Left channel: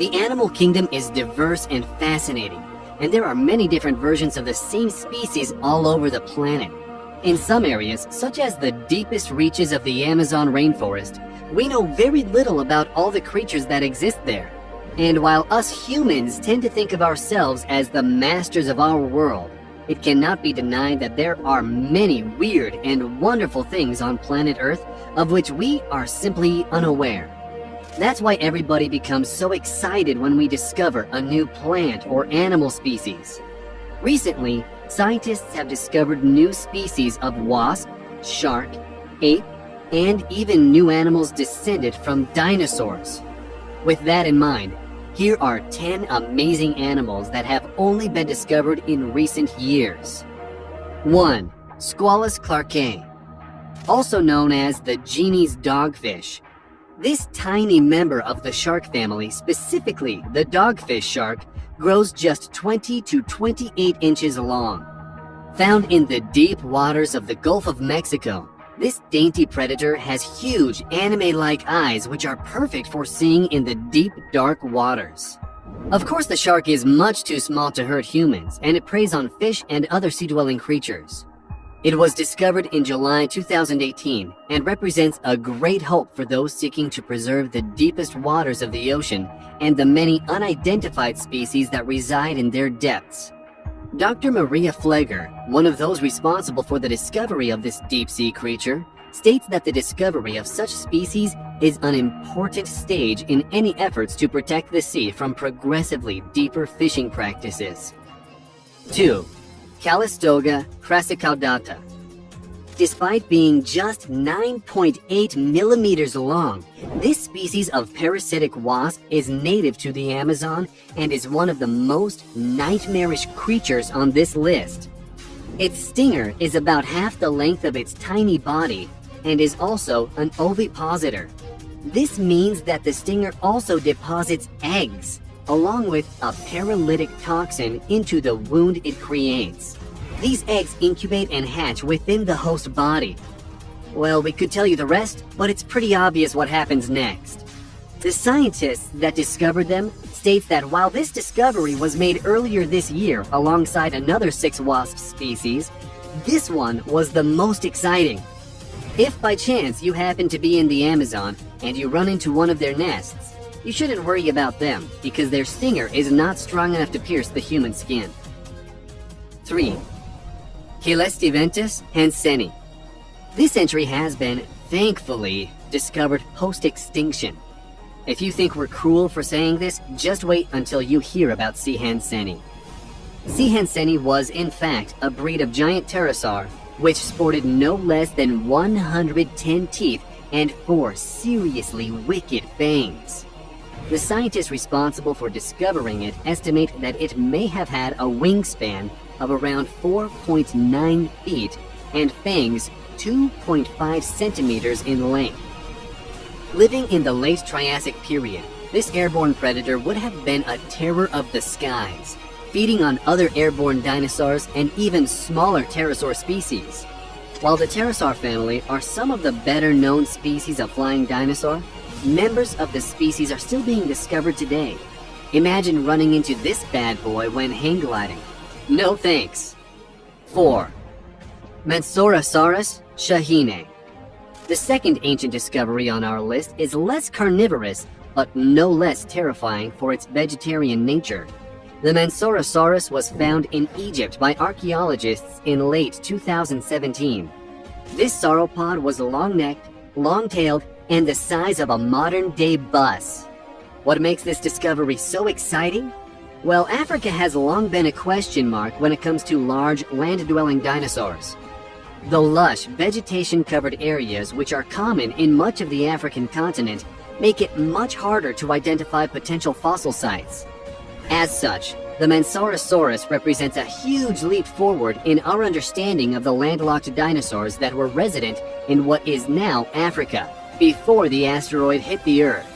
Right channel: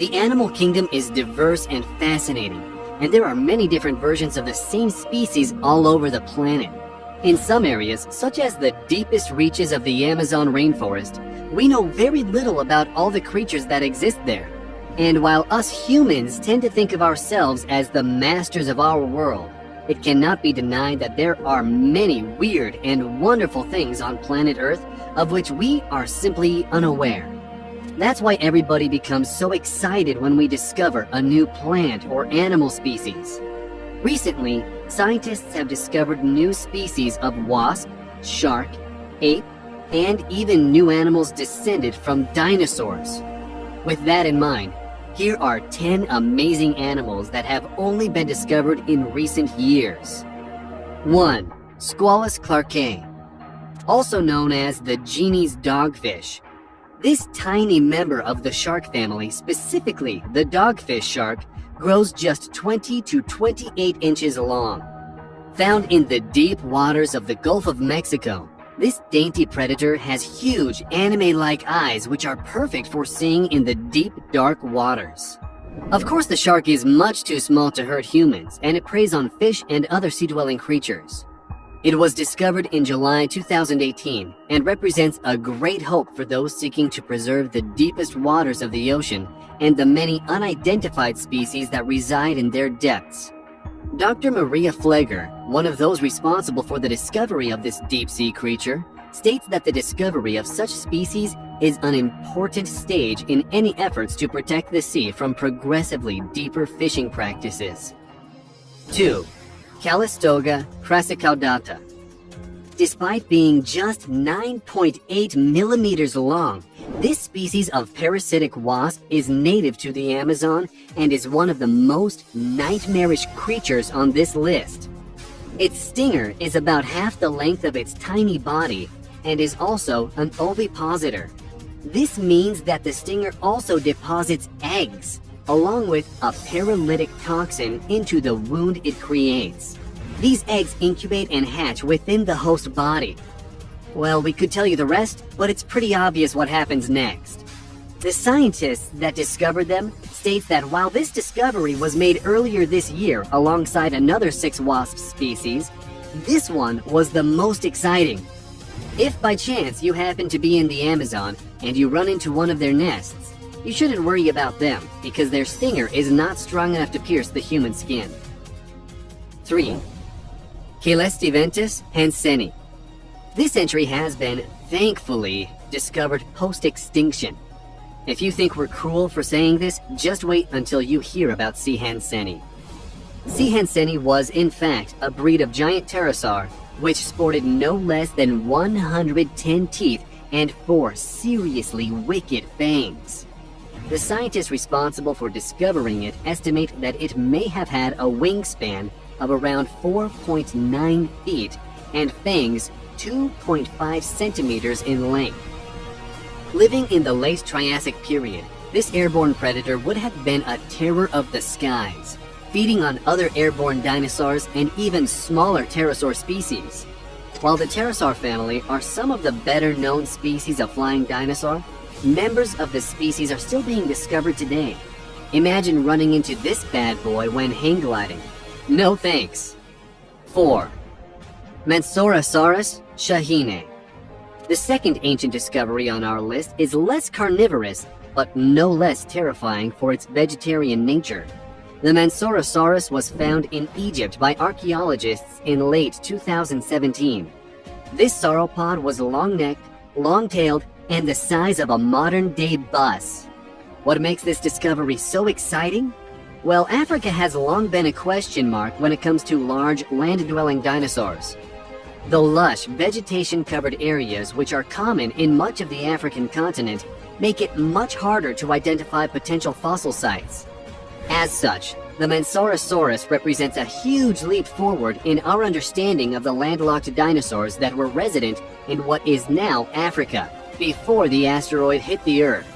The animal kingdom is diverse and fascinating, and there are many different versions of the same species all over the planet. In some areas, such as the deepest reaches of the Amazon rainforest, we know very little about all the creatures that exist there. And while us humans tend to think of ourselves as the masters of our world, it cannot be denied that there are many weird and wonderful things on planet Earth of which we are simply unaware. That's why everybody becomes so excited when we discover a new plant or animal species. Recently, scientists have discovered new species of wasp, shark, ape, and even new animals descended from dinosaurs. With that in mind, here are 10 amazing animals that have only been discovered in recent years. 1. Squalus clarkei, also known as the genie's dogfish. This tiny member of the shark family, specifically the dogfish shark, grows just 20 to 28 inches long. Found in the deep waters of the Gulf of Mexico, this dainty predator has huge anime-like eyes which are perfect for seeing in the deep, dark waters. Of course, the shark is much too small to hurt humans, and it preys on fish and other sea-dwelling creatures. It was discovered in July 2018 and represents a great hope for those seeking to preserve the deepest waters of the ocean and the many unidentified species that reside in their depths. Dr. Maria Fleger, one of those responsible for the discovery of this deep-sea creature, states that the discovery of such species is an important stage in any efforts to protect the sea from progressively deeper fishing practices. 2. Calistoga crassicaudata. Despite being just 9.8 millimeters long, this species of parasitic wasp is native to the Amazon and is one of the most nightmarish creatures on this list. Its stinger is about half the length of its tiny body and is also an ovipositor. This means that the stinger also deposits eggs, along with a paralytic toxin into the wound it creates. These eggs incubate and hatch within the host body. Well, we could tell you the rest, but it's pretty obvious what happens next. The scientists that discovered them state that while this discovery was made earlier this year alongside another 6 wasp species, this one was the most exciting. If by chance you happen to be in the Amazon and you run into one of their nests, you shouldn't worry about them because their stinger is not strong enough to pierce the human skin. 3. Caelestiventus hanseni. This entry has been, thankfully, discovered post-extinction. If you think we're cruel for saying this, just wait until you hear about C. hanseni. C. hanseni was, in fact, a breed of giant pterosaur which sported no less than 110 teeth and 4 seriously wicked fangs. The scientists responsible for discovering it estimate that it may have had a wingspan of around 4.9 feet and fangs 2.5 centimeters in length. Living in the late Triassic period, this airborne predator would have been a terror of the skies, feeding on other airborne dinosaurs and even smaller pterosaur species. While the pterosaur family are some of the better-known species of flying dinosaur, members of the species are still being discovered today. Imagine running into this bad boy when hang gliding. No thanks. 4. Mensorosaurus shahine. The second ancient discovery on our list is less carnivorous, but no less terrifying for its vegetarian nature. The Mensorosaurus was found in Egypt by archaeologists in late 2017. This sauropod was long-necked, long-tailed, and the size of a modern-day bus. What makes this discovery so exciting? Well, Africa has long been a question mark when it comes to large, land-dwelling dinosaurs. The lush, vegetation-covered areas which are common in much of the African continent make it much harder to identify potential fossil sites. As such, the Mensorosaurus represents a huge leap forward in our understanding of the landlocked dinosaurs that were resident in what is now Africa, before the asteroid hit the Earth.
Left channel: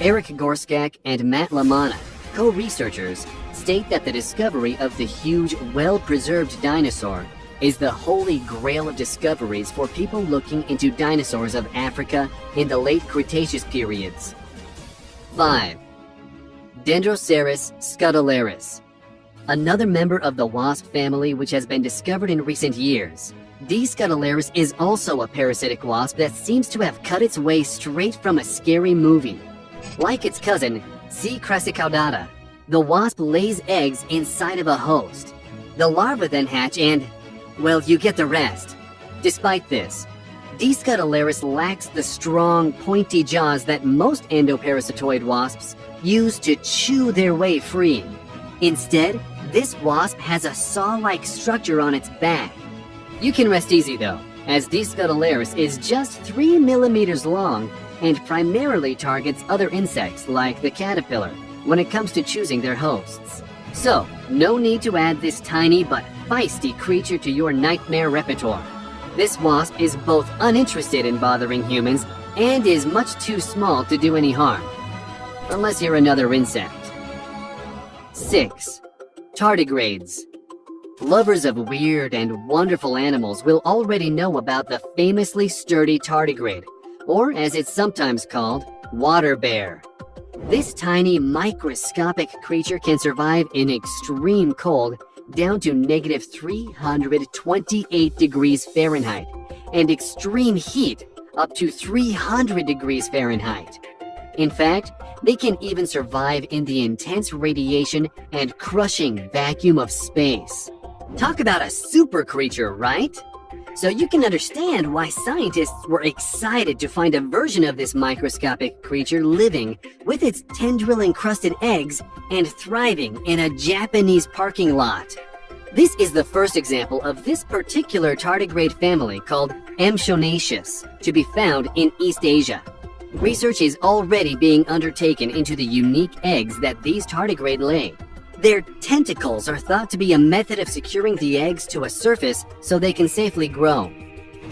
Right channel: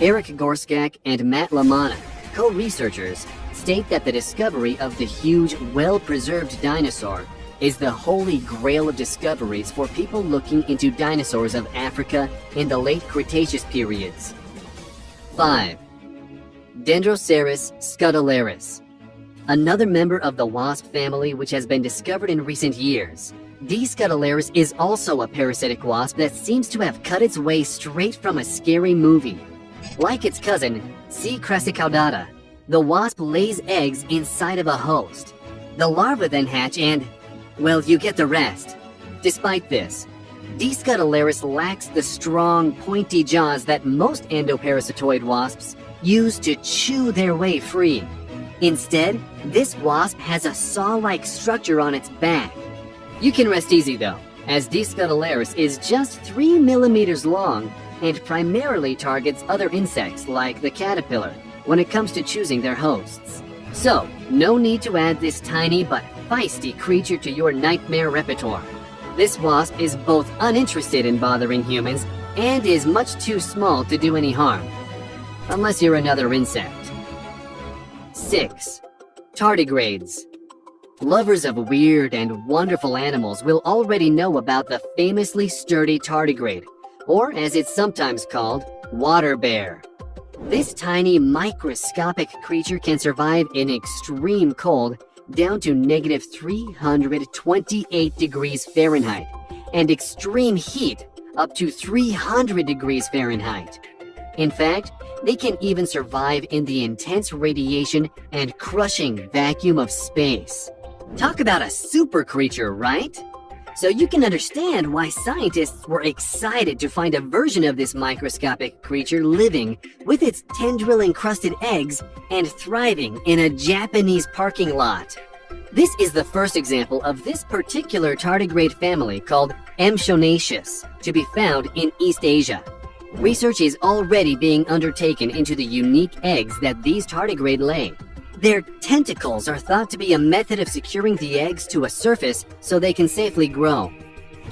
Eric Gorskak and Matt Lamana, co-researchers, state that the discovery of the huge, well-preserved dinosaur is the holy grail of discoveries for people looking into dinosaurs of Africa in the late Cretaceous periods. 5. Dendroceras scutellaris. Another member of the wasp family which has been discovered in recent years. D. scutellaris is also a parasitic wasp that seems to have cut its way straight from a scary movie. Like its cousin, C. crassicaudata, the wasp lays eggs inside of a host. The larvae then hatch and, well, you get the rest. Despite this, D. scutellaris lacks the strong, pointy jaws that most endoparasitoid wasps use to chew their way free. Instead, this wasp has a saw-like structure on its back. You can rest easy though, as D. scutellaris is just 3 millimeters long and primarily targets other insects like the caterpillar when it comes to choosing their hosts. So, no need to add this tiny but feisty creature to your nightmare repertoire. This wasp is both uninterested in bothering humans and is much too small to do any harm. Unless you're another insect. 6. Tardigrades. Lovers of weird and wonderful animals will already know about the famously sturdy tardigrade, or as it's sometimes called, water bear. This tiny microscopic creature can survive in extreme cold down to negative 328 degrees Fahrenheit and extreme heat up to 300 degrees Fahrenheit. In fact, they can even survive in the intense radiation and crushing vacuum of space. Talk about a super creature, right? So you can understand why scientists were excited to find a version of this microscopic creature living with its tendril-encrusted eggs and thriving in a Japanese parking lot. This is the first example of this particular tardigrade family called Amshonaceus to be found in East Asia. Research is already being undertaken into the unique eggs that these tardigrade lay. Their tentacles are thought to be a method of securing the eggs to a surface so they can safely grow.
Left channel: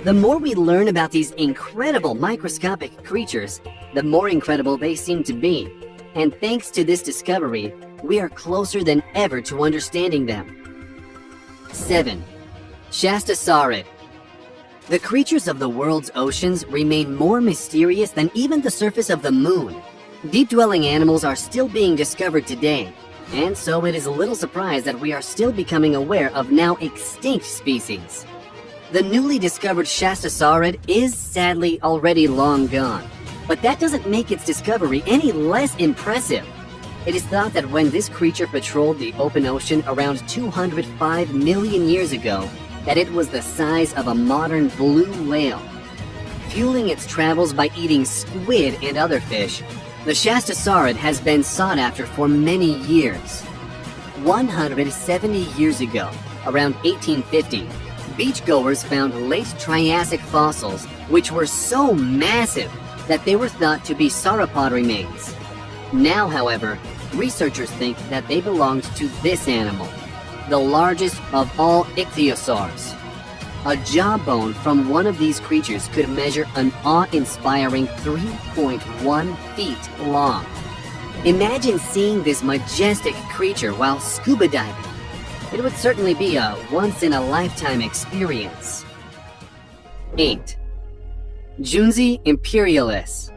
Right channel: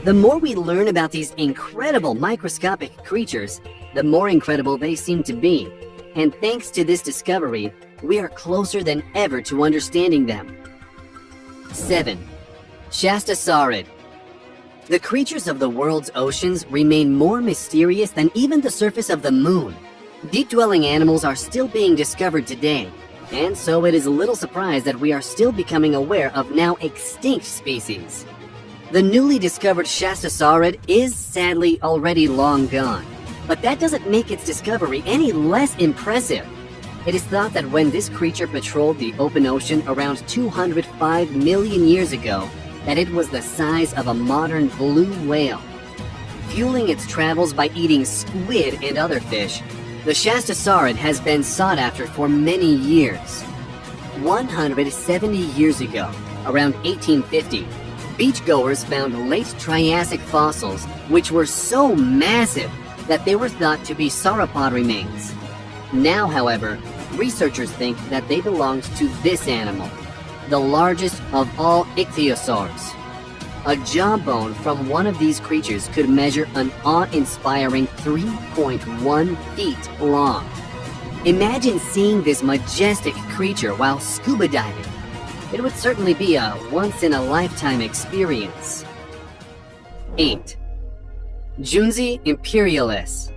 The more we learn about these incredible microscopic creatures, the more incredible they seem to be. And thanks to this discovery, we are closer than ever to understanding them. 7. Shastasaurid. The creatures of the world's oceans remain more mysterious than even the surface of the moon. Deep-dwelling animals are still being discovered today, and so it is a little surprise that we are still becoming aware of now extinct species. The newly discovered Shastasaurid is sadly already long gone, but that doesn't make its discovery any less impressive. It is thought that when this creature patrolled the open ocean around 205 million years ago, that it was the size of a modern blue whale. Fueling its travels by eating squid and other fish, the Shastasaurid has been sought after for many years. 170 years ago, around 1850, beachgoers found late Triassic fossils which were so massive that they were thought to be sauropod remains. Now, however, researchers think that they belonged to this animal, the largest of all ichthyosaurs. A jawbone from one of these creatures could measure an awe-inspiring 3.1 feet long. Imagine seeing this majestic creature while scuba diving. It would certainly be a once-in-a-lifetime experience. 8. Junzi imperialis.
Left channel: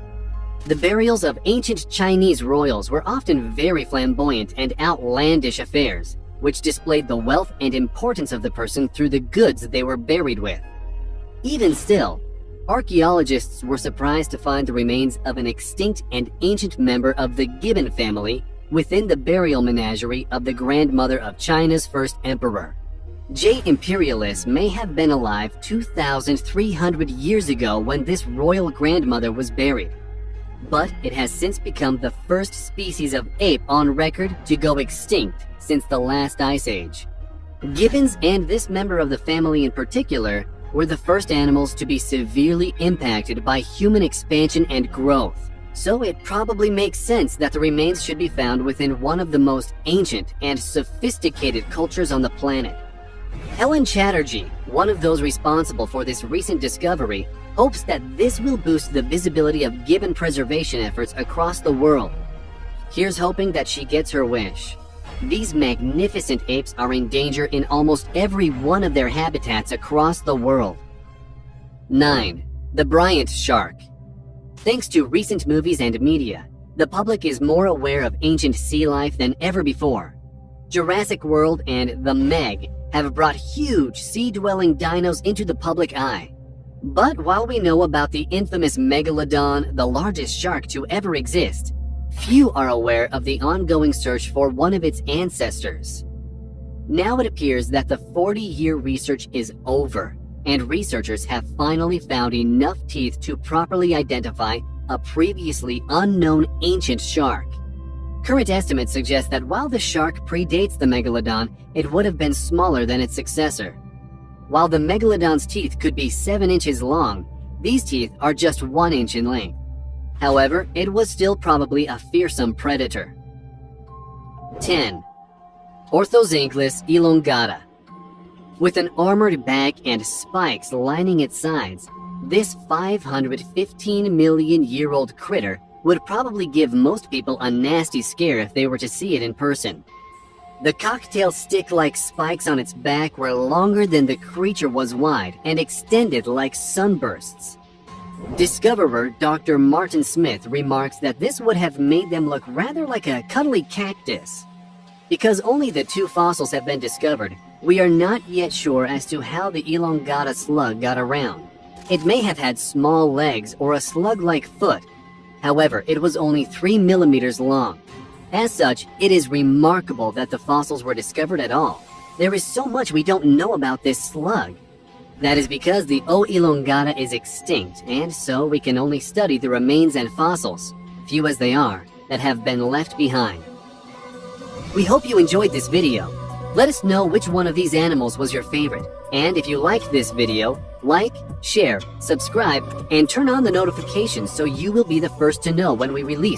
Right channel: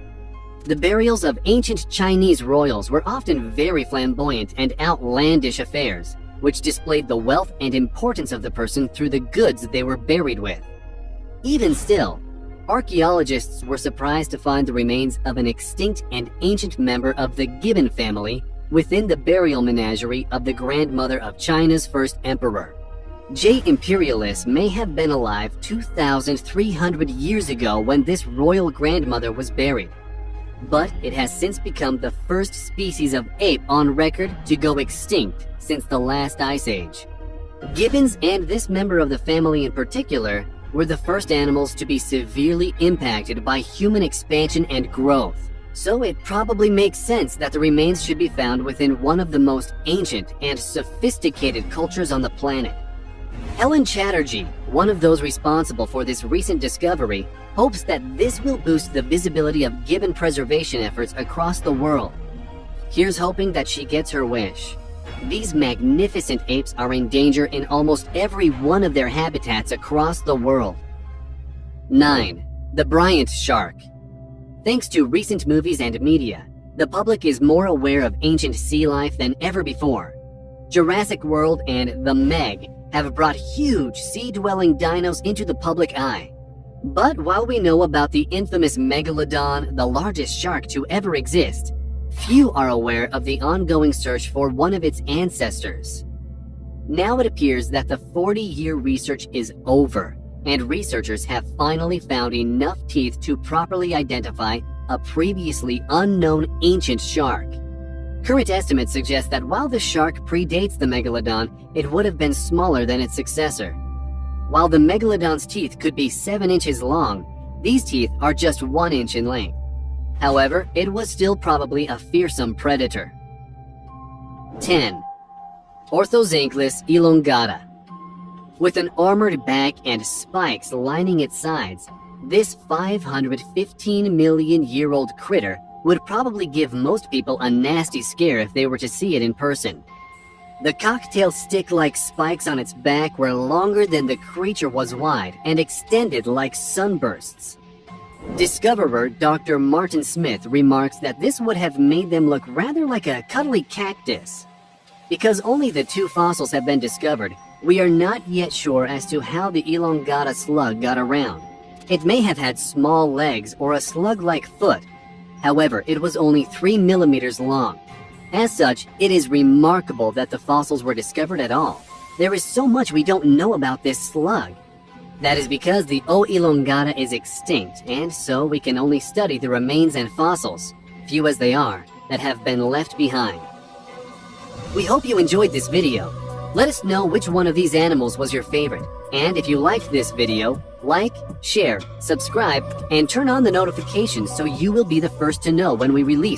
The burials of ancient Chinese royals were often very flamboyant and outlandish affairs, which displayed the wealth and importance of the person through the goods they were buried with. Even still, archaeologists were surprised to find the remains of an extinct and ancient member of the gibbon family within the burial menagerie of the grandmother of China's first emperor. J. imperialis may have been alive 2,300 years ago when this royal grandmother was buried, but it has since become the first species of ape on record to go extinct since the last ice age. Gibbons and this member of the family in particular were the first animals to be severely impacted by human expansion and growth, so it probably makes sense that the remains should be found within one of the most ancient and sophisticated cultures on the planet. Helen Chatterjee, one of those responsible for this recent discovery, hopes that this will boost the visibility of gibbon preservation efforts across the world. Here's hoping that she gets her wish. These magnificent apes are in danger in almost every one of their habitats across the world. 9. The Bryant shark. Thanks to recent movies and media, the public is more aware of ancient sea life than ever before. Jurassic World and The Meg have brought huge sea-dwelling dinos into the public eye. But while we know about the infamous Megalodon, the largest shark to ever exist, few are aware of the ongoing search for one of its ancestors. Now it appears that the 40-year research is over, and researchers have finally found enough teeth to properly identify a previously unknown ancient shark. Current estimates suggest that while the shark predates the Megalodon, it would have been smaller than its successor. While the Megalodon's teeth could be 7 inches long, these teeth are just 1 inch in length. However, it was still probably a fearsome predator. 10. Orthosynchus elongata. With an armored back and spikes lining its sides, this 515 million year old critter would probably give most people a nasty scare if they were to see it in person. The cocktail stick-like spikes on its back were longer than the creature was wide and extended like sunbursts. Discoverer Dr. Martin Smith remarks that this would have made them look rather like a cuddly cactus. Because only the 2 fossils have been discovered, we are not yet sure as to how the elongata slug got around. It may have had small legs or a slug-like foot. However, it was only 3 millimeters long. As such, it is remarkable that the fossils were discovered at all. There is so much we don't know about this slug. That is because the O. elongata is extinct, and so we can only study the remains and fossils, few as they are, that have been left behind. We hope you enjoyed this video. Let us know which one of these animals was your favorite. And if you liked this video, like, share, subscribe, and turn on the notifications so you will be the first to know when we release